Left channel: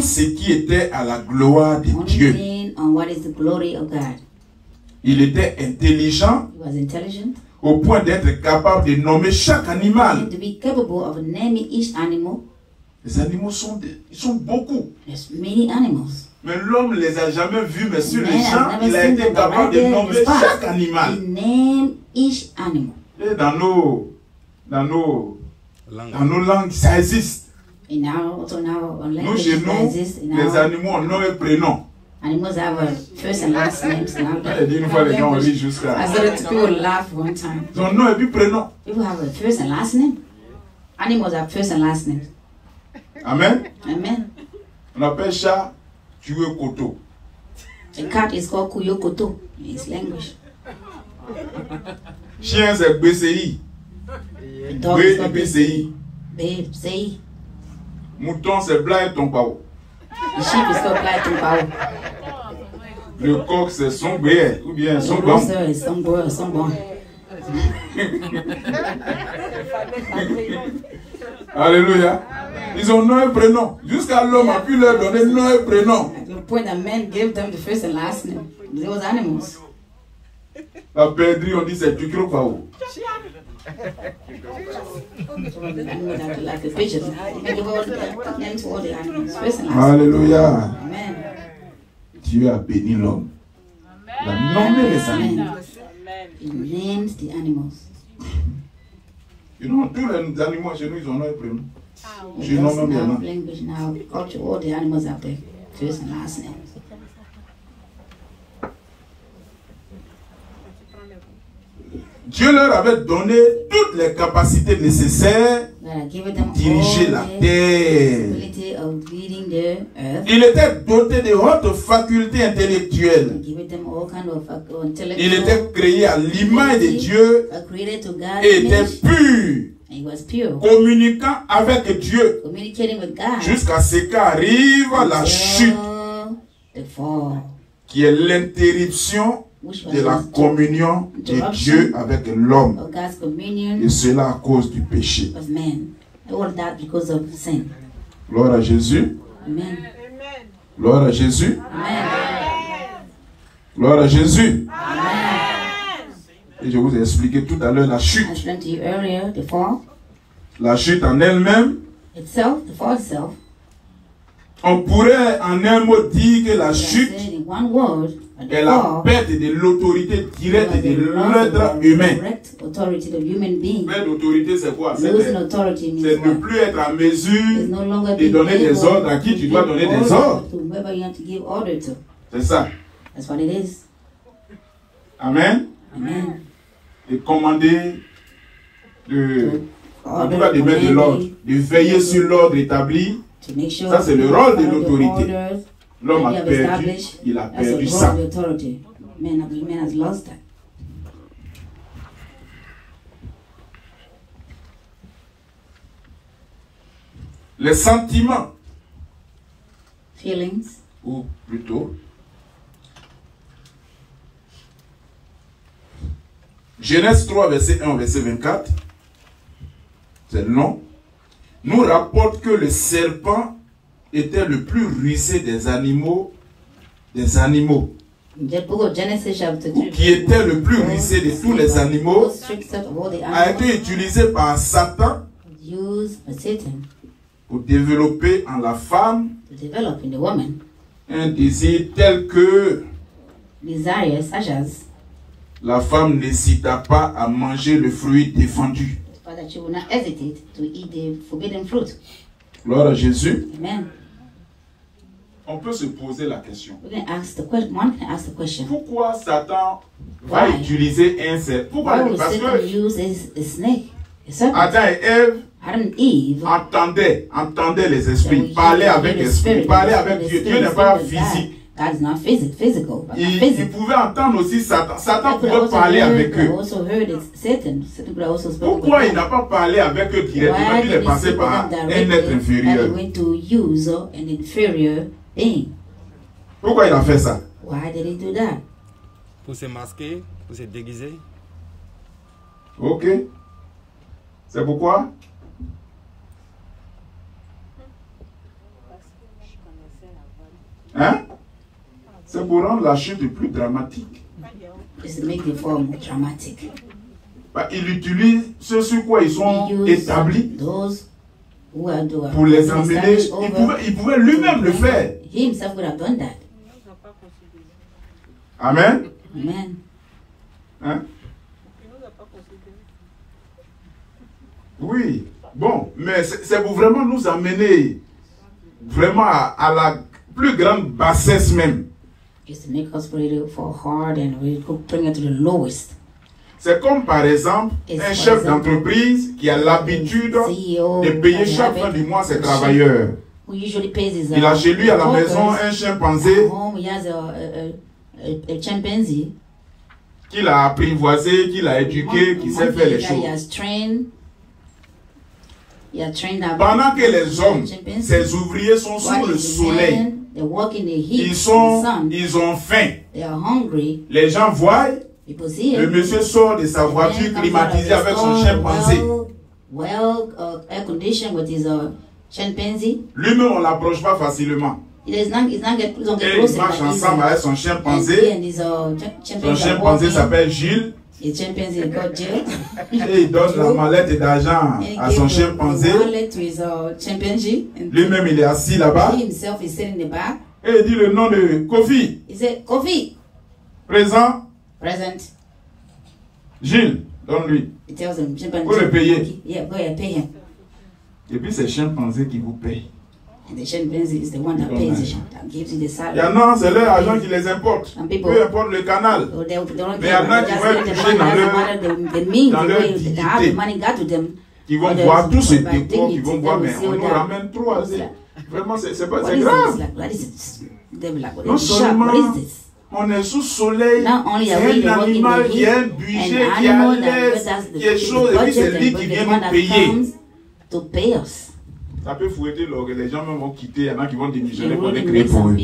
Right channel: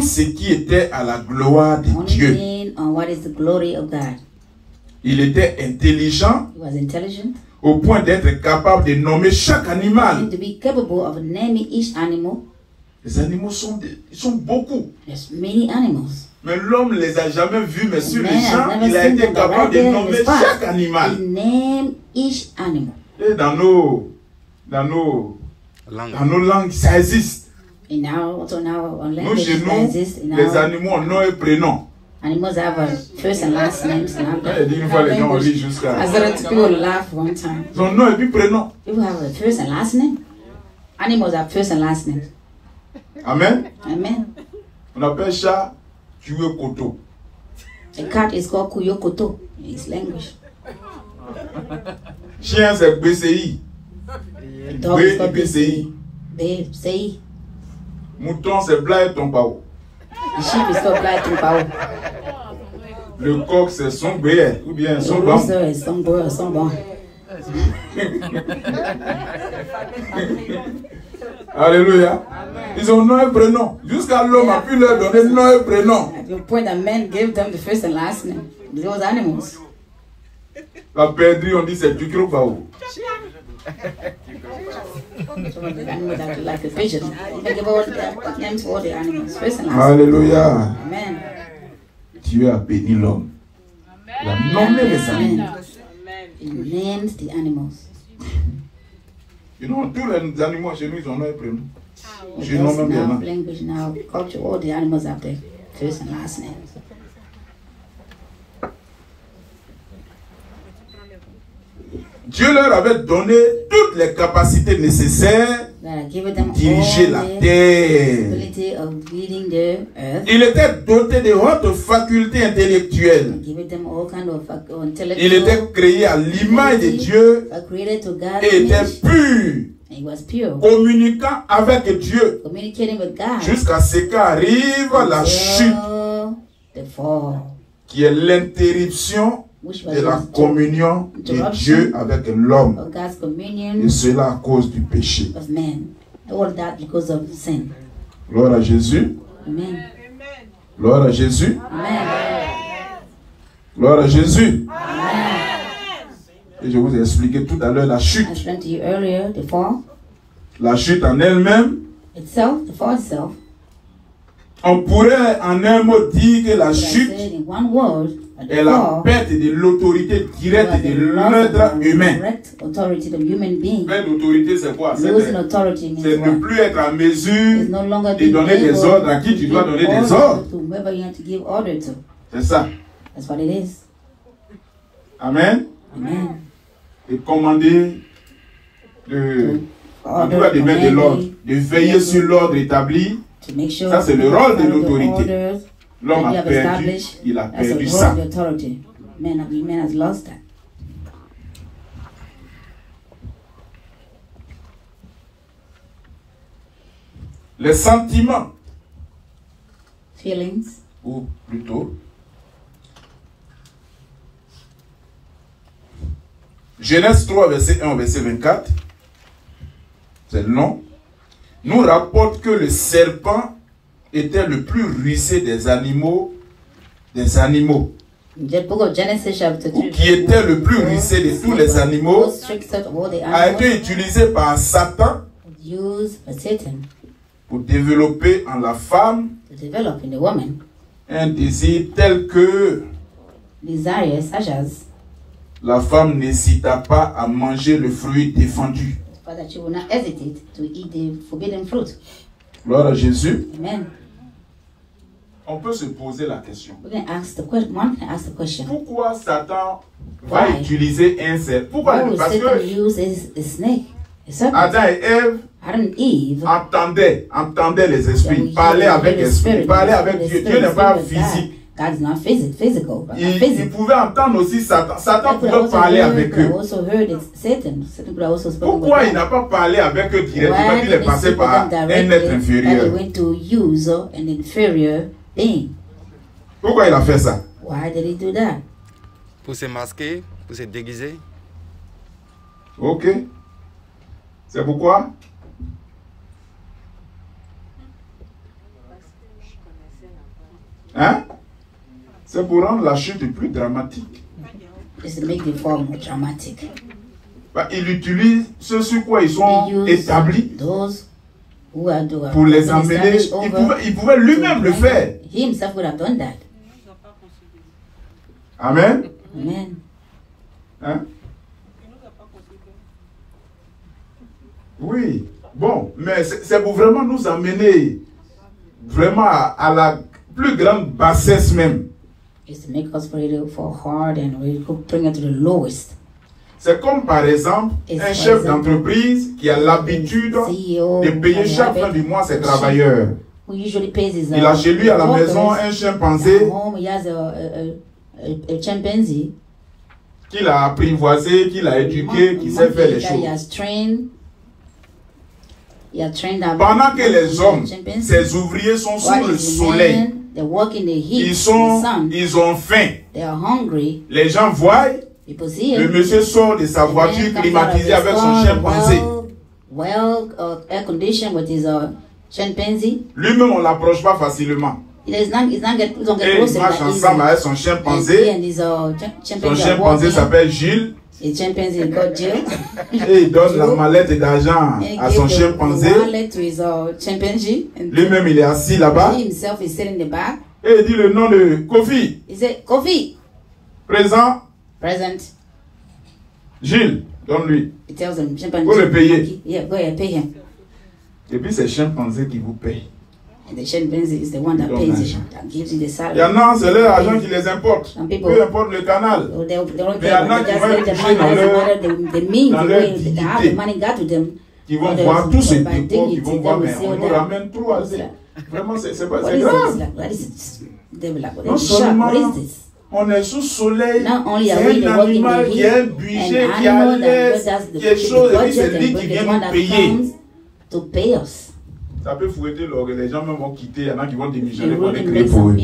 tout ce qui était à la gloire de Dieu. On what is the glory of God. Il était intelligent He was intelligent. au point d'être capable de nommer chaque animal. And to be capable of naming each animal. Les animaux ils sont beaucoup. There's many animals. Mais l'homme ne les a jamais vus, mais sur les gens, il a été capable de nommer chaque animal. Name each animal. Et dans nos langues, ça existe. Nous, chez nous, les animaux ont nom et prénom. Animals have a first and last names. Une fois, les gens ont lu jusqu'à. People laugh one time. Son nom et puis prénom. People have a first and last name. Animals have first and last names. Amen. Amen. On appelle chat Tuyo Koto. A cat is called Kuyokoto in his language. Chien, c'est BCI. Dog is called BCI. BCI. Mouton, c'est Blaye Tompao. The sheep is called Blaye Tompao. Le coq, c'est Songbe ou bien Songbon. The rooster is Songbon. Alléluia. Ils ont nom et prénom. Jusqu'à l'homme a pu leur donner nom et prénom. At the point that men gave them the first and last name. Those animals. La perdrix, on dit c'est Tukrokbao. Like the pigeon. You can give all the names to all the animals. First and last. Alléluia. Amen. Dieu a béni l'homme. Il a nommé les animaux. He named the animals. You know, tous les animaux chez nous, ils ont nom et prénom. Je nomme même bien. Language now, culture, all the animals have their first and last names. Dieu leur avait donné toutes les capacités nécessaires pour diriger la terre. Il était doté de hautes facultés intellectuelles. Il était créé à l'image de Dieu et était pur, communiquant avec Dieu jusqu'à ce qu'arrive la chute, qui est l'interruption de la communion de Dieu avec l'homme. Et cela à cause du péché. Gloire à Jésus. Amen. Gloire à Jésus. Amen. Gloire à Jésus. Amen. Et je vous ai expliqué tout à l'heure la chute. La chute en elle-même. On pourrait en un mot dire que la chute est la perte de l'autorité directe de l'être humain. Perte d'autorité, c'est quoi? C'est ne plus être en mesure de donner des ordres à qui tu dois donner des ordres. C'est ça. Amen. De commander, en tout cas de mettre de l'ordre, de veiller sur l'ordre établi. Ça, c'est le rôle de l'autorité. L'homme a perdu, il a perdu ça. Les sentiments, ou plutôt, Genèse 3, verset 1, verset 24, c'est long, nous rapporte que le serpent était le plus rusé des animaux, qui était le plus rusé de tous les animaux, a été utilisé par Satan pour développer en la femme un désir tel que la femme n'hésita pas à manger le fruit défendu. Gloire à Jésus. Amen. On peut se poser la question. Pourquoi Satan va utiliser un serpent? Pourquoi? Parce que Adam et Ève entendaient les esprits, parlaient avec l'esprit, parlaient avec Dieu. Dieu n'est pas physique. God is not physical, but ils pouvaient entendre aussi Satan. Satan pouvait parler avec eux. Pourquoi il n'a pas parlé avec eux directement? Il est passé par un être inférieur. Pourquoi il a fait ça? Pour se masquer, pour se déguiser. Ok. C'est pourquoi? Hein? C'est pour rendre la chute plus dramatique. It's to make the fall more dramatic. Bah, il utilise ceux sur quoi ils sont établis pour les amener. Il pouvait lui-même le faire. He himself would have done that. Amen. Amen. Hein? Oui. Bon, mais c'est pour vraiment nous amener vraiment à la plus grande bassesse même. It's to make us ready for hard and really bring it to the lowest. C'est comme par exemple un chef d'entreprise qui a l'habitude de payer chaque fin du mois ses travailleurs. Il a chez lui à la maison un chimpanzé qu'il a apprivoisé, qu'il a éduqué, qui sait faire les choses. Pendant que les hommes, ces ouvriers sont sous le soleil, ils ont faim. Les gens voient, le monsieur sort de sa voiture climatisée avec son chimpanzé. Lui-même, on ne l'approche pas facilement. Et il marche ensemble avec son chimpanzé. Son chimpanzé s'appelle Gilles. Et il donne la mallette d'argent à son chimpanzé. Lui-même, il est assis là-bas. Et il dit le nom de Kofi. Présent. Gilles, donne-lui. Vous le payez. Et puis c'est le chimpanzé qui vous paye. The chimpanzee is the one that pays you, that gives you the salary. Il y en a, c'est leur argent qui les importe. Peu importe le canal. Mais il y en a qui vont être touchés dans leur dignité. Qui vont voir tout ce décor, qui vont voir, mais on nous ramène trop à ça. Vraiment, c'est grave. Non seulement on est sous soleil, c'est un animal qui a un budget, qui a quelque chose, et puis c'est lui qui vient nous payer. Ça peut fouetter l'orgue, les gens même vont quitter, il y en a qui vont démissionner pour les créer pour eux.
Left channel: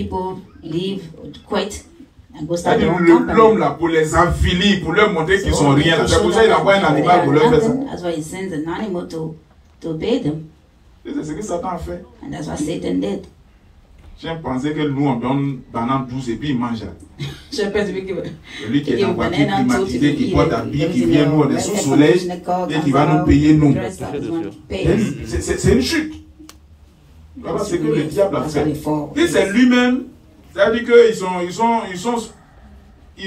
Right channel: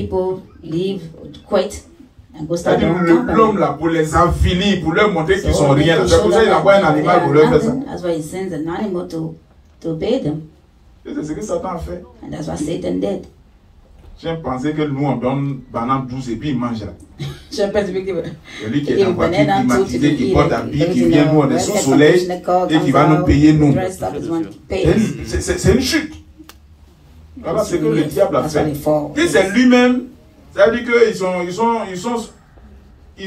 L'homme là, pour les affiler, pour leur montrer qu'ils sont rien. C'est pour ça qu'il envoie un animal pour leur faire ça. C'est ce que Satan a fait. J'ai pensé que nous on donne banane douce et puis il mange. C'est lui qui est en voiture climatisée, qui porte un billet, qui vient nous, on est sous soleil et qui va nous payer nous. C'est une chute. Voilà ce que le diable a fait. Et c'est lui-même, c'est-à-dire qu'ils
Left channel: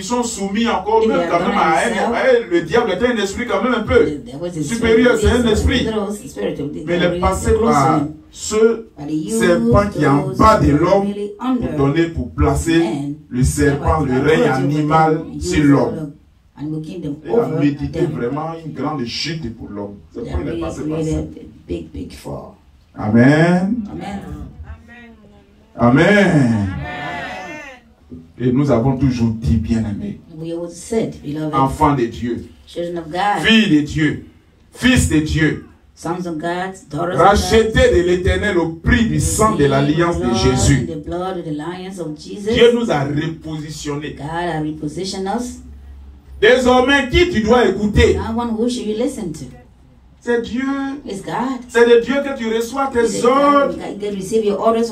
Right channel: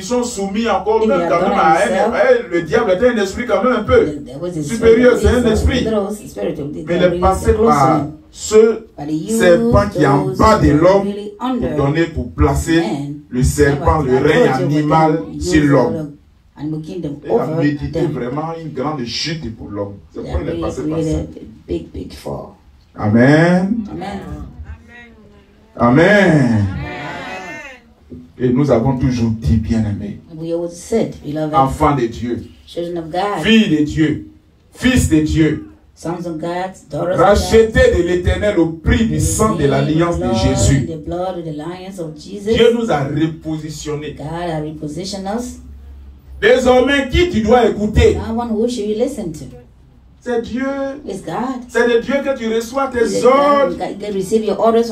sont soumis encore même quand même à le diable est un esprit quand même un peu supérieur, c'est un esprit. Mais il est passé par ce serpent qui est en bas de l'homme pour donner, pour placer le serpent, le règne animal sur l'homme. Il a médité vraiment une grande chute pour l'homme. C'est pourquoi il est passé par ça. Amen. Amen. Et nous avons toujours dit, bien-aimés, enfants de Dieu, filles de Dieu, fils de Dieu, rachetés de l'Éternel au prix du sang de l'alliance de Jésus. Dieu nous a repositionnés. Désormais, qui tu dois écouter? C'est Dieu. C'est de Dieu que tu reçois tes ordres.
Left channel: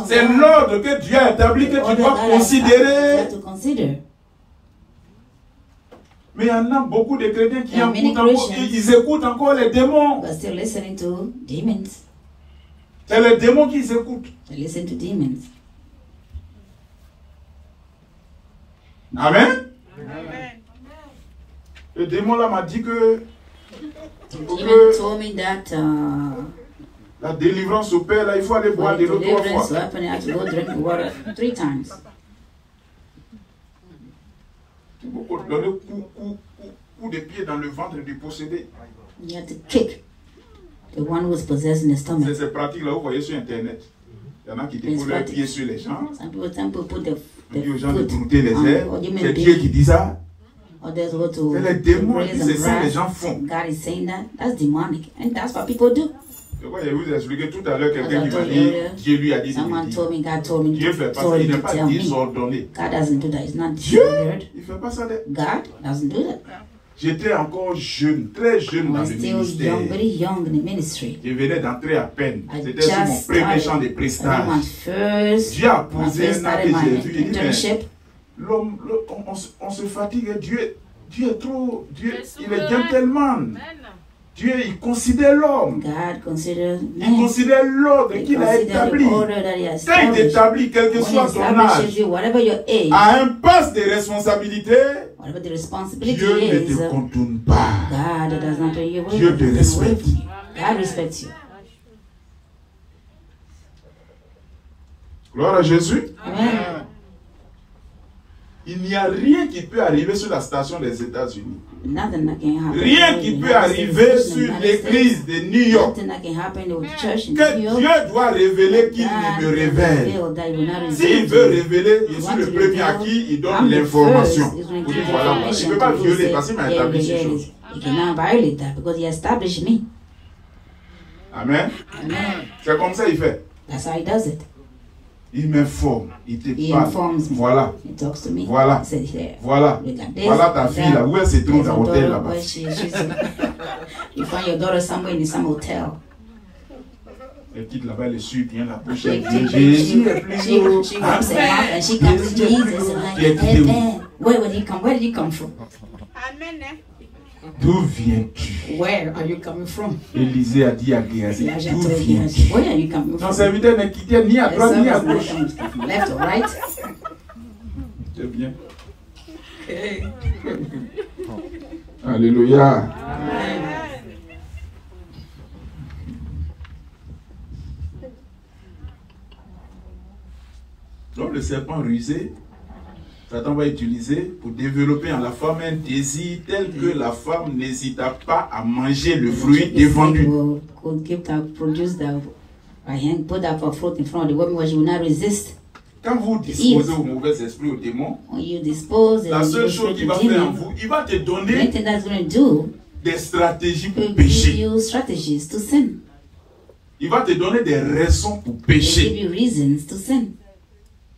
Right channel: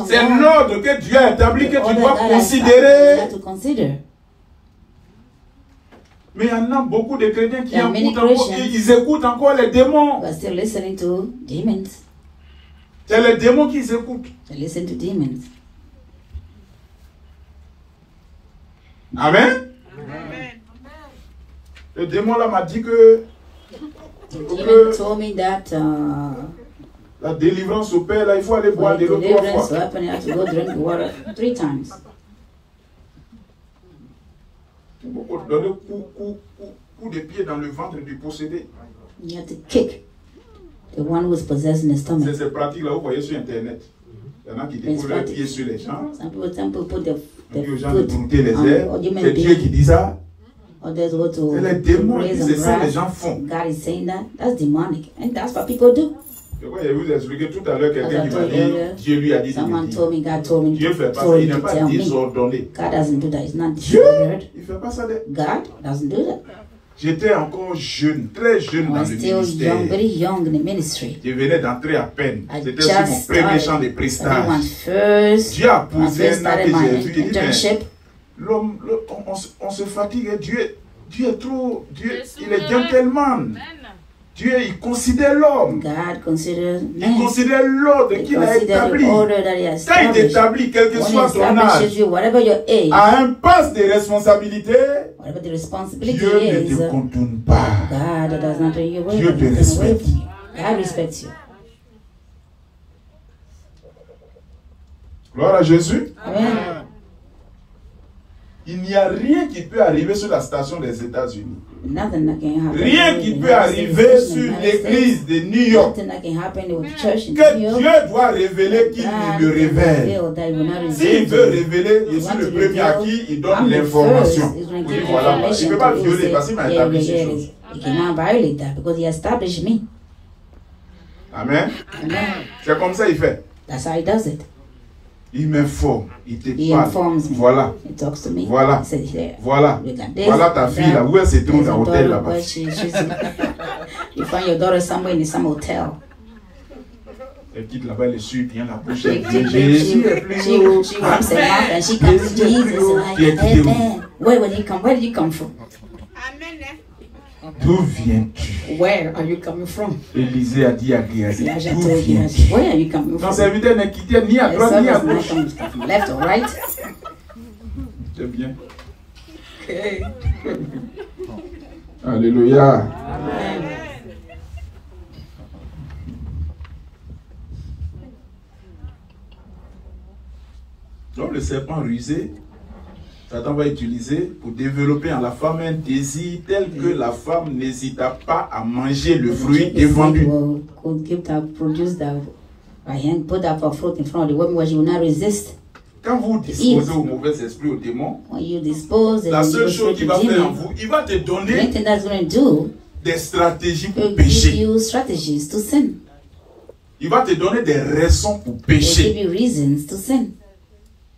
C'est l'ordre que Dieu a établi que tu dois considérer. Mais il y en a beaucoup de chrétiens qui ils écoutent encore les démons. C'est les démons qu'ils écoutent. Amen. Le démon là m'a dit que demon told me that la délivrance opère, là, il faut aller boire de l'eau 3 fois. So I have to go drink the water 3 times. Il faut donner coup de pied dans le ventre du possédé. You have to kick the one who is possessing the stomach. C'est ces pratiques-là, vous voyez sur Internet. Il y en a qui déposent leurs pieds sur les gens. Some people put the aux gens de brouter les airs. C'est Dieu qui dit ça. C'est les démons qui c'est ça les gens font. God is saying that. That's demonic. And that's what people do. Je vous ai expliqué tout à l'heure, quelqu'un qui m'a dit, Dieu lui a dit. Someone told me, God told me, Dieu fait pas ça, il n'est pas désordonné. God doesn't do that. It's not Dieu, disordered. il fait pas ça. God doesn't do that. J'étais encore jeune, très jeune dans le ministère. Je venais d'entrer à peine. C'était sur mon premier champ de prestage. Dieu a posé un acte et j'ai vu. Il dit, mais l'homme, on se fatigue. Dieu est trop, Dieu, il est gentleman. Dieu, il considère l'homme. Il considère l'ordre qu'il a établi. Quand il établit, quel que soit ton âge, à un poste de responsabilité, Dieu ne te contourne pas. Dieu te respecte. Gloire à Jésus. Amen. Il n'y a rien qui peut arriver sur la station des États-Unis. Rien qui peut arriver sur l'église de New York. Que Dieu doit révéler qu'il me révèle. S'il veut révéler, je suis le premier à qui il donne l'information. Il ne peut pas violer parce qu'il m'a établi ces choses. Amen. C'est comme ça qu'il fait. Il m'informe, il te parle. Voilà. Voilà. Voilà. Voilà ta fille là. Où elle se trouve dans l'hôtel là-bas? You find your daughter somewhere in some hotel. Elle quitte là-bas, elle suit bien la bouche. Jésus est plus haut. Where did you come from? D'où viens-tu? Where are you coming from? Élisée a dit à Géhazi, d'où viens-tu? Where are you coming from? Ton serviteur ne quittait ni à droite ni à gauche. Left or right? C'est bien. Alléluia. Amen. Donc le serpent rusé, Satan va utiliser pour développer en la femme un désir tel que la femme n'hésita pas à manger le fruit défendu. Quand vous disposez au mauvais esprit, au démon, la seule chose qu'il va faire en vous, il va te donner des stratégies pour pécher. Il va te donner des raisons pour pécher.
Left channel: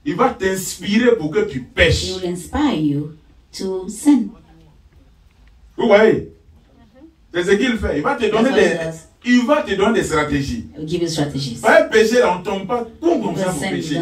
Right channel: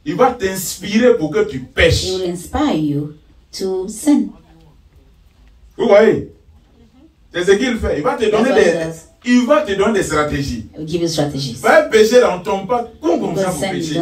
Il va t'inspirer pour que tu pêches. Vous voyez? C'est ce qu'il fait. Il va te donner des stratégies. Va pécher là, on ne tombe pas comme ça pour pécher.